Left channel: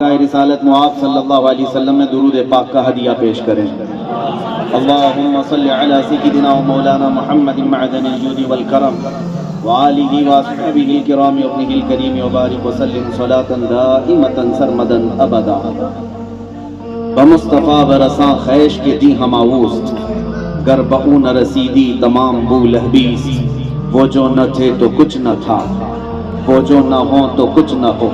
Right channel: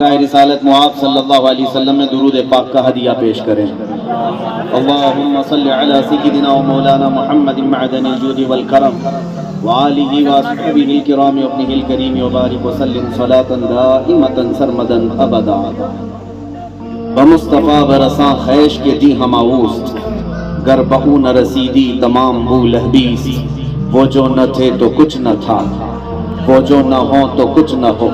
رسالت معاذ صلی اللہ علیہ وسلم میں درود پاک کا ہدیہ پیش کریں۔ اللہم صلی علی سیدنا و مولانا محمد معدن الجود والکرم وآلہ واصحابہ الکرام وابنہ الکریم وبارک وسلم صلاة دائمتا سرمدا ابدا۔ بمصطفیٰ برساں خیش کے دی ہم آوست، گر بہو نہ رسیدی تمام بو لہبیس۔ وہ جو نہ تھے تو کچھ نہ تھا، وہ جو نہ ہو تو کچھ نہ ہو،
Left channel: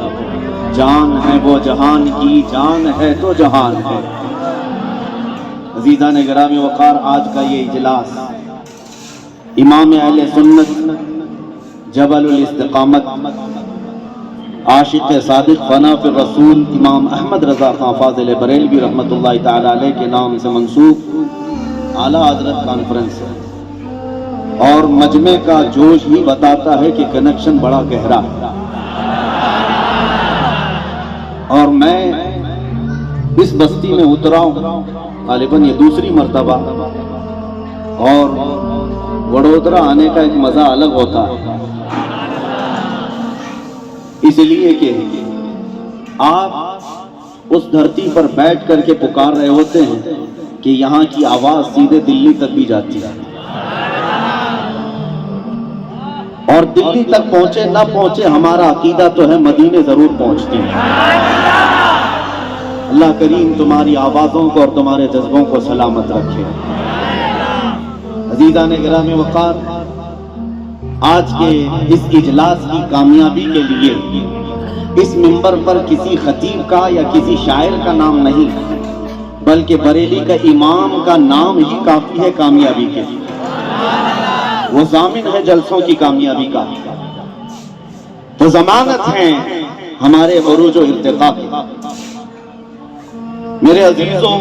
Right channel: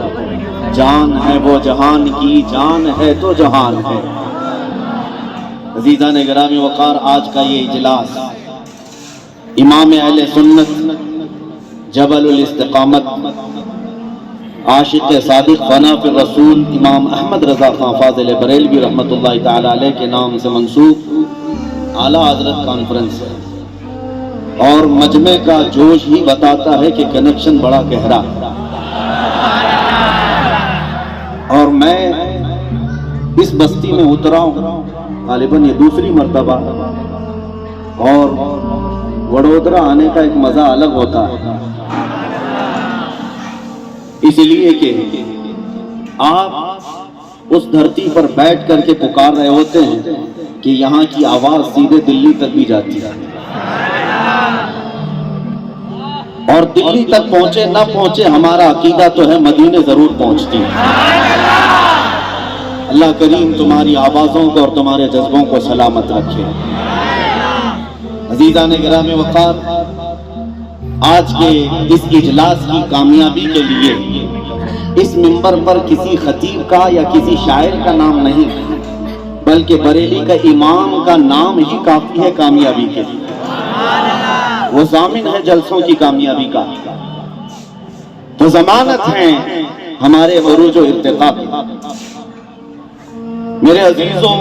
جان ہے وہ جہان کی، جان ہے تو جہان ہے۔ عزیزان گرامی وقار، آج کا یہ اجلاس امام اہل سنت جبل الاستقامت عاشق صادق فنا فی الرسول امام احمد رضا خان فاضل بریلوی رحمۃ اللہ تعالی علیہ کے نام سے منسوب اعلیٰ حضرت کانفرنس ہے، اور مجمع کا جوش ہی بتاتا ہے کہ کنیکشن بڑا گہرا ہے۔ اور میں اس بستی میں اترا ہوں غالباً یہ دوسری مرتبہ، اور وڈودرا آنے کا ایک مزہ الگ ہوتا ہے، اس لیے کہ آپ اس دھرتی پر بیٹھ کر کے پکار رہے ہوتے ہیں کہ یہاں کی آواز سیدھے دلی تک بھی جاتی ہے، اور دلی تک پہنچے نہ پہنچے ہمارا عقیدہ تو ہے مدینے ضرور پہنچتی ہے۔ اللہ کریم تمہاری آوازوں کو اور تمہارے جذبوں کو سلامت رکھے۔ عزیزان گرامی وقار، آج کے اس اجلاس کی کامیابی کے لیے اس منبر پر کسی خطیب کا یا کسی شاعر کا نام نہیں، بلکہ بریلی کا امام کا نام ہی کافی ہے کامیابی کے لیے۔ وہ ضامن ہے جلسوں کی کامیابی کا، تو ضمانت ہے ہمارے عروج و ارتقاء کی۔ میرے عزیزوں،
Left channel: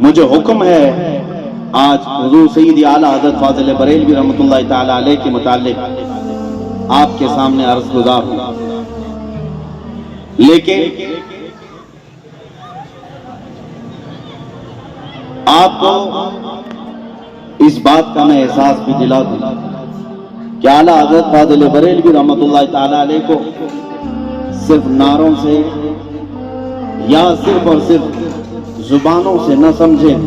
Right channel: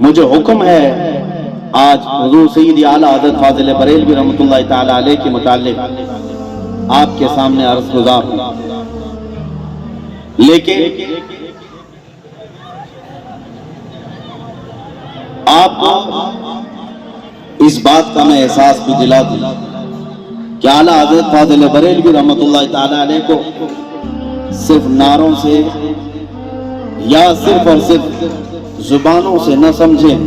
مجھے حکم ہے آج حضور سید اعلیٰ حضرت فاضل بریلوی رحمۃ اللہ تعالی علیہ کے متعلق آپ کے سامنے عرض گزار ہوں، لیکن آپ کو اس بات کا میں احساس بھی دلا دوں کہ اعلیٰ حضرت فاضل بریلوی رحمۃ اللہ تعالی علیہ کو صرف نعروں سے یا صرف اور صرف زبانوں سے نہ سمجھیں،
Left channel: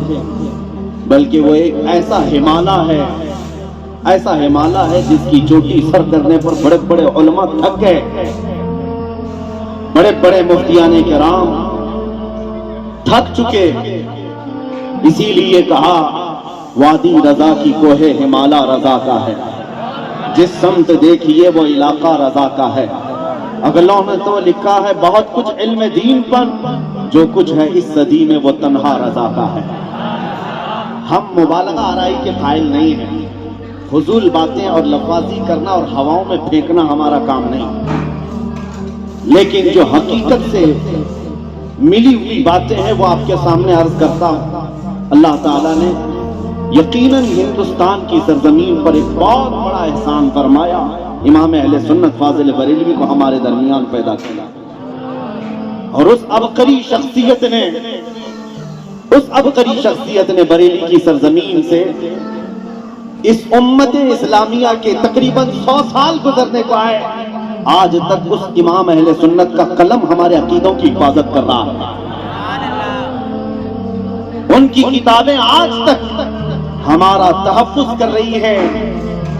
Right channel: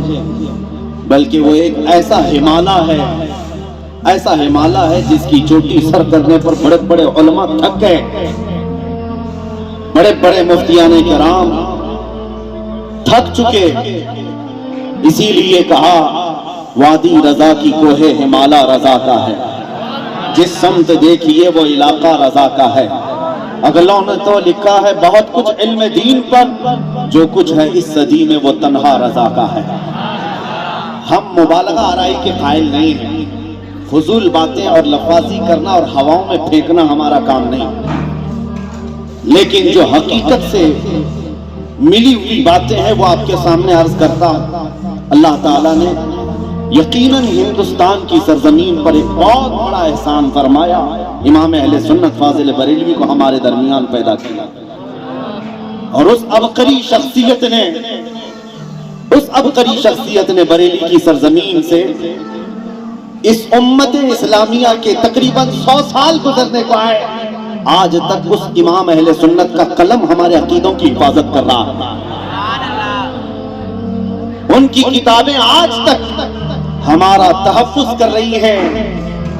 بلکہ وہ ایک ایسا ہمالہ ہے جس کی چوٹی سر کرنے پر بڑے بڑے علماء تھک گئے، بڑے بڑے مفتیان کرام تھک چکے۔ اسی لیے کہا وادی رضا کی کوہ ہمالہ رضا کا ہے، جس سمت دیکھیے وہ علاقہ رضا کا ہے۔ اگلوں نے تو لکھا ہے بہت کچھ علم دین پر، جو کچھ ہے اس صدی میں وہ تنہا رضا کا ہے۔ ہم مبالغہ آرائی کے قائل نہیں ہیں، فضول باتیں اور لفاظی کرنا اور ہواؤں میں پھینکنا ہمارا کام نہیں، لیکن جو حقیقت سے ملی ہوئی باتیں ہیں وہ آپ کے سامنے عرض کرتا ہوں۔ اللہ تعالیٰ نے یقیناً ہندوستان کی سرزمین پر ایک بہت بڑا احسان فرمایا، امام اہل سنت فاضل بریلوی کو ہمارے درمیان پیدا کیا، اور اس عبقری شخصیت نے بریلی کی سرزمین سے اس امت اسلامیہ کے تقریباً 100 سال گزرنے کو آئے، آج تک اس امام اہل سنت کا قلم ہمارے عقیدوں کی حفاظت کر رہا ہے۔ ان کی کتابیں آج تک ہمارا تحفظ کر رہی ہیں،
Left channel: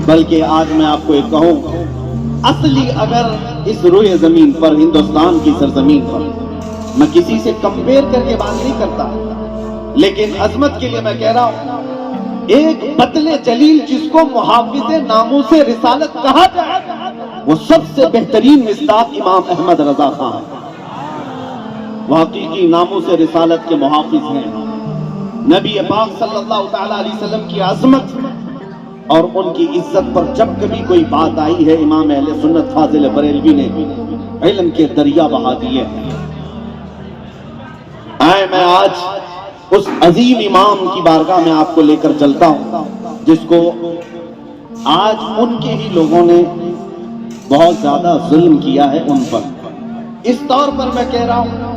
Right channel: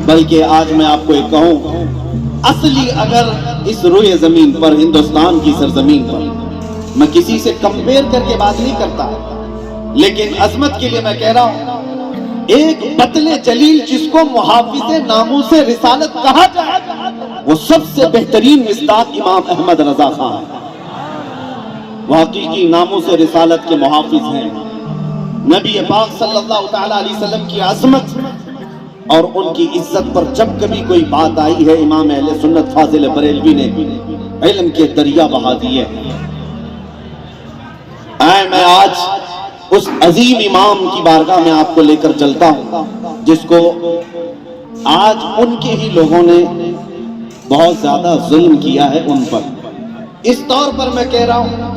بلکہ آج میں آپ کو ایک کہوں، اصلی اگر اس روئے زمین پر ہندوستان کی سرزمین پر، میں کسی سے کمپیر کر کے بات نہیں کرتا، لیکن عظمت کے لیے میں کہہ رہا ہوں، ایک بطن جلیل جس کو محافظ ناموس رسالت کہا جائے، وہ سب سے بہترین مصداق امام احمد رضا خان ہے۔ وہ حقیقی ناموس رسالت کے محافظ ہیں۔ نبی پاک صلی اللہ تعالی علیہ وسلم کی عظمت اور ان کی عزت پر جب کبھی کوئی بات آئی ہے، امام اہل سنت فاضل بریلوی نے علم کے دریا بہا دیے۔ میں آج اس عظیم امام کی بارگاہ میں آپ کو لے کر چلتا ہوں، جس کو آج ان کے ہی لوگوں نے بہت زیادہ ظلم کیا ہے ان پر۔ اس طور پر میں کہہ رہا ہوں،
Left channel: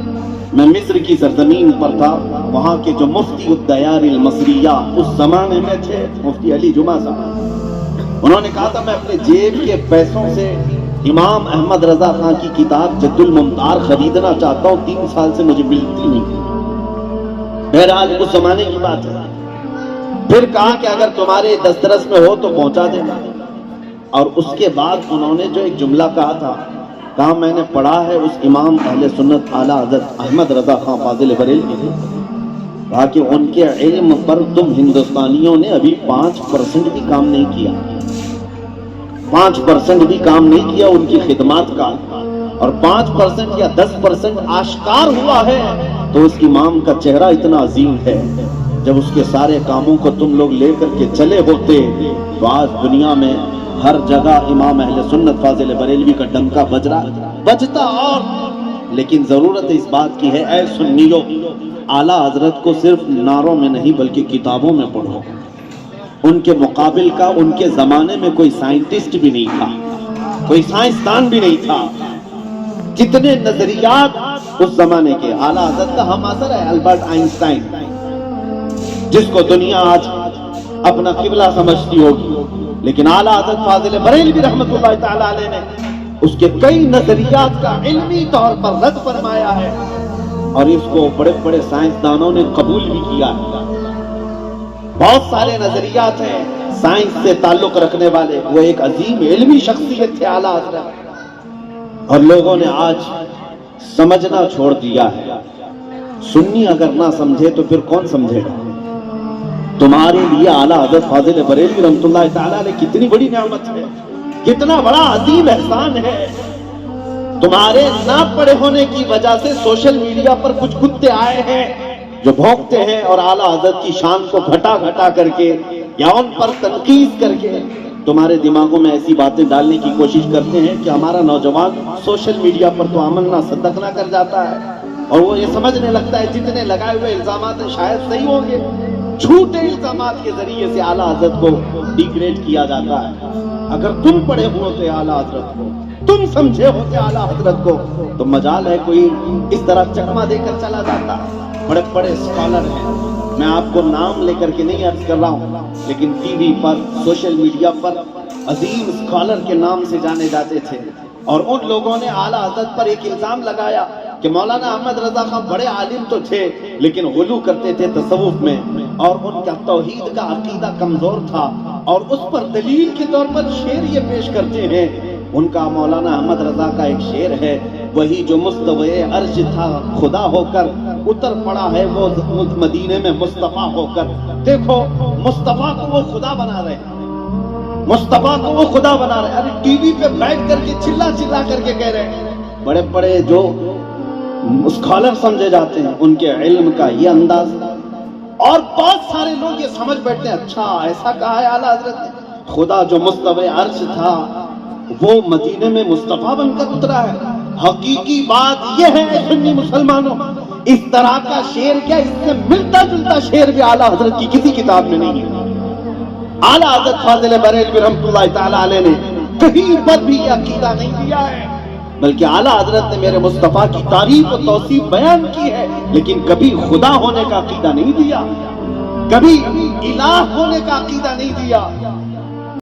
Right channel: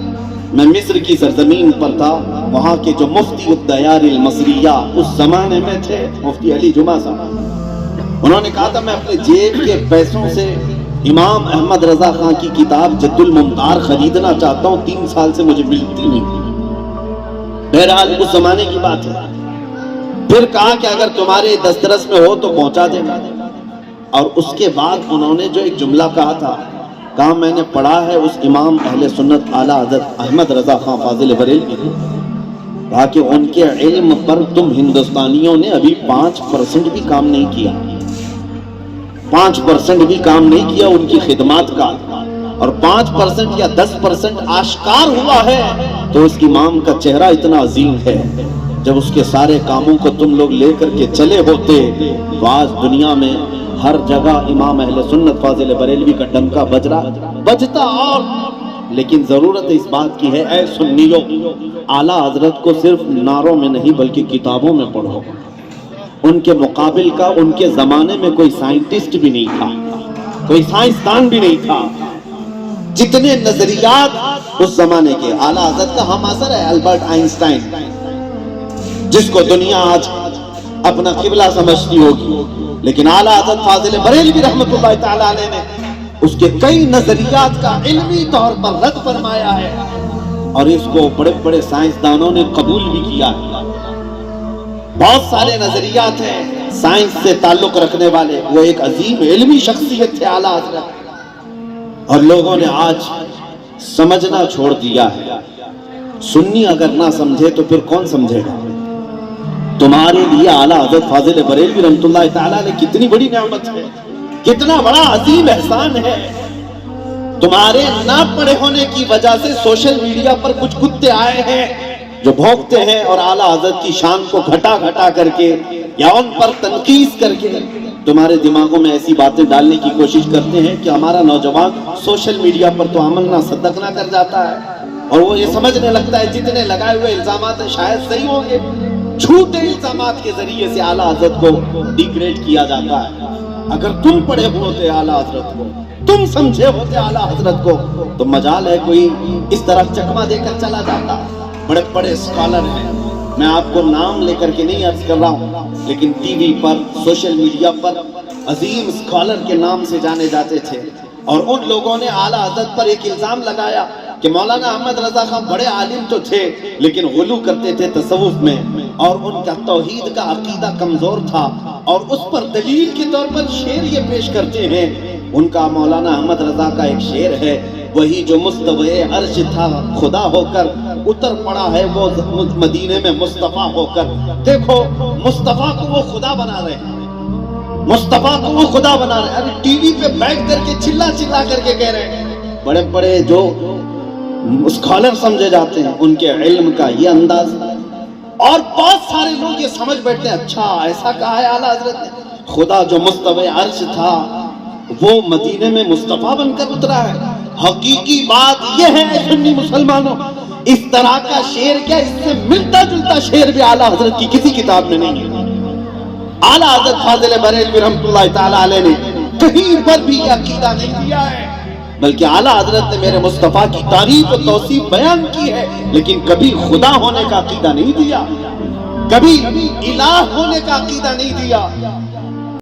میں مصر کی سرزمین پر تھا، وہاں کے جو مفتی الدیار المصریہ اس زمانے میں تھے، مفتی علی جمعہ صاحب، انہوں نے کہا تھا میں اپنے جیب کے پیسوں سے امام احمد رضا خان کی کتاب جد الممتار خریدنا چاہتا ہوں، 3 سال سے مجھے ملتی نہیں۔ بہرحال اس زمانے کی بات ہے۔ پھر کہا کہ اگر تمہارے دسترس میں ہو تو پہنچا دینا۔ اور اس کے بعد انہوں نے جو ایک جملہ کہا تھا، کہا میں نے پڑھا ہے اس امام اہل سنت اعلیٰ حضرت احمد رضا خان فاضل بریلوی نے، کہا کہ ان کے علم پر تم ہندوستانیوں نے ابھی 5% بھی کام نہیں کیا، 5% بھی کام نہیں کیا ان کی خدمات کا، اور 5% یا 10% آشکار ہوا ہے تو اس امام کا چہرہ اتنا عظیم ہے، جب اس کے سارے کاموں کو تم لوگ لے کر کے چلے ہوتے تو آج دنیا میں ہر جگہ امام اہل سنت فاضل بریلوی کا ڈنکا بجتا۔ اور لیکن ضرورت اس بات کی ہے، اے سنیو، اعلیٰ حضرت کو صرف نعروں میں نہیں بلکہ کتابوں میں پڑھو۔ ان کے مقابل کا ان کے زمانے میں کوئی سائنٹسٹ بھی نہیں تھا، کوئی سائنسدان بھی نہیں تھا۔ جتنے نظریات اس زمانے کے، اعلیٰ حضرت کا ہم اثر ہے البرٹ آئنسٹائن، جس کو دنیا آج اپنا قبلہ سمجھتی ہوگی، لیکن اعلیٰ حضرت فاضل بریلوی رحمۃ اللہ تعالی علیہ نے اس کے کئی نظریات کا علمی طور پر رد فرمایا ہے، اور اس کو بڑے بڑے سائنسدانوں نے قبول بھی کیا۔ بہت سارے نظریات ہیں سائنس سے تعلق رکھنے والے، وہ ایک عظیم علمی شخصیت تھے اعلیٰ حضرت، اور لوگوں نے آج سمجھنا چھوڑ دیا ہے۔ سنی اگر نہ سمجھے تو پھر کون سمجھے گا؟ تمہارے لیے اعلیٰ حضرت فاضل بریلوی رحمۃ اللہ تعالی علیہ کتنی بڑی نعمت ہے، کتنا بڑا عظیم احسان ہے۔ تمہارے نہ پڑھے ہونے کی وجہ سے سوشل میڈیا پر کچھ کتے آئے ہیں جو بھونکتے ہیں اور اعلیٰ حضرت کی شان کو گھٹا کر کے یا ان پر تنقید کر کے تمہارے دماغوں میں ایسی باتیں ڈالنے کی کوشش کرتے ہیں کہ ہمارا نوجوان سوشل میڈیا پر تو عمل نہ صدق نہ کر جاتا ہے، اور وہ یہ سمجھنے لگتا ہے جتنے لگائے ہوئے الزامات شاید صحیح ہوں گے۔ جھوٹے الزامات کے ذریعے سے اعلیٰ حضرت کو ڈیگریڈ کیا جاتا ہے۔ اگر تم پڑھے ہوتے اعلیٰ حضرت کو، تم سمجھے ہوتے اعلیٰ حضرت کو، تو مجال ہے کوئی اس طرح چکما دے کر چلا جاتا۔ بڑے بڑے اسکالر ہیں، میں آپ کو نام لے کر کے نہیں عرض کر رہا ہوں، لیکن ٹی وی پر، سوشل میڈیا پر عظیم اسکالر کے نام سے جانے جاتے تھے، اور ان لوگوں نے اعلیٰ حضرت پر ایک الزام لگایا کہ مولانا احمد رضا خان بڑے عالم تو تھے لیکن غلو کرتے تھے تصوف میں، اور ان کا توحید کا عقیدہ کمزور تھا، اور اس پر دلیل کے طور پر شعر یہ پیش کرتے ہیں۔ ان کا مولانا احمد رضا کا ایک شعر ہے، وہی جو مستوی عرش تھا خدا ہو کر اتر پڑا ہے وہ مدینے میں مصطفیٰ ہو کر۔ دیکھو مصطفیٰ کو وہ خدا بنا رہے ہیں، مصطفیٰ کو وہ خدا بنا رہے ہیں، ابھی ٹی وی پہ بیٹھ کر کے چلا کر کے کہہ رہے ہیں۔ بڑے بڑے جو اسکالر سمجھے جاتے ہیں ان کے علم کا یہ انداز، اور بہت سارے لوگ یہ سمجھ بیٹھتے ہیں اچھا ایسا کہا ہے اعلیٰ حضرت نے، خدا جو مستوی عرش تھا وہ مدینے میں مصطفیٰ بن کر اترا ہے۔ حقیقی بات یہ ہے سنی مسلمانوں، اس طرح کا شعر کیا، اس سے ملتا جلتا شعر بھی اعلیٰ حضرت کی کسی کتاب میں نہیں ہے۔ اعلیٰ حضرت فاضل بریلوی رحمۃ اللہ تعالی علیہ نے کہیں پر بھی یہ عقیدہ نہیں دیا ہے، بلکہ اعلیٰ حضرت نے میرے مصطفیٰ کی تعریف و توصیف بیان کی ہے، لیکن کبھی خدا ہونے کا عقیدہ نہیں دیا، کبھی الہ ہونے کا عقیدہ نہیں دیا۔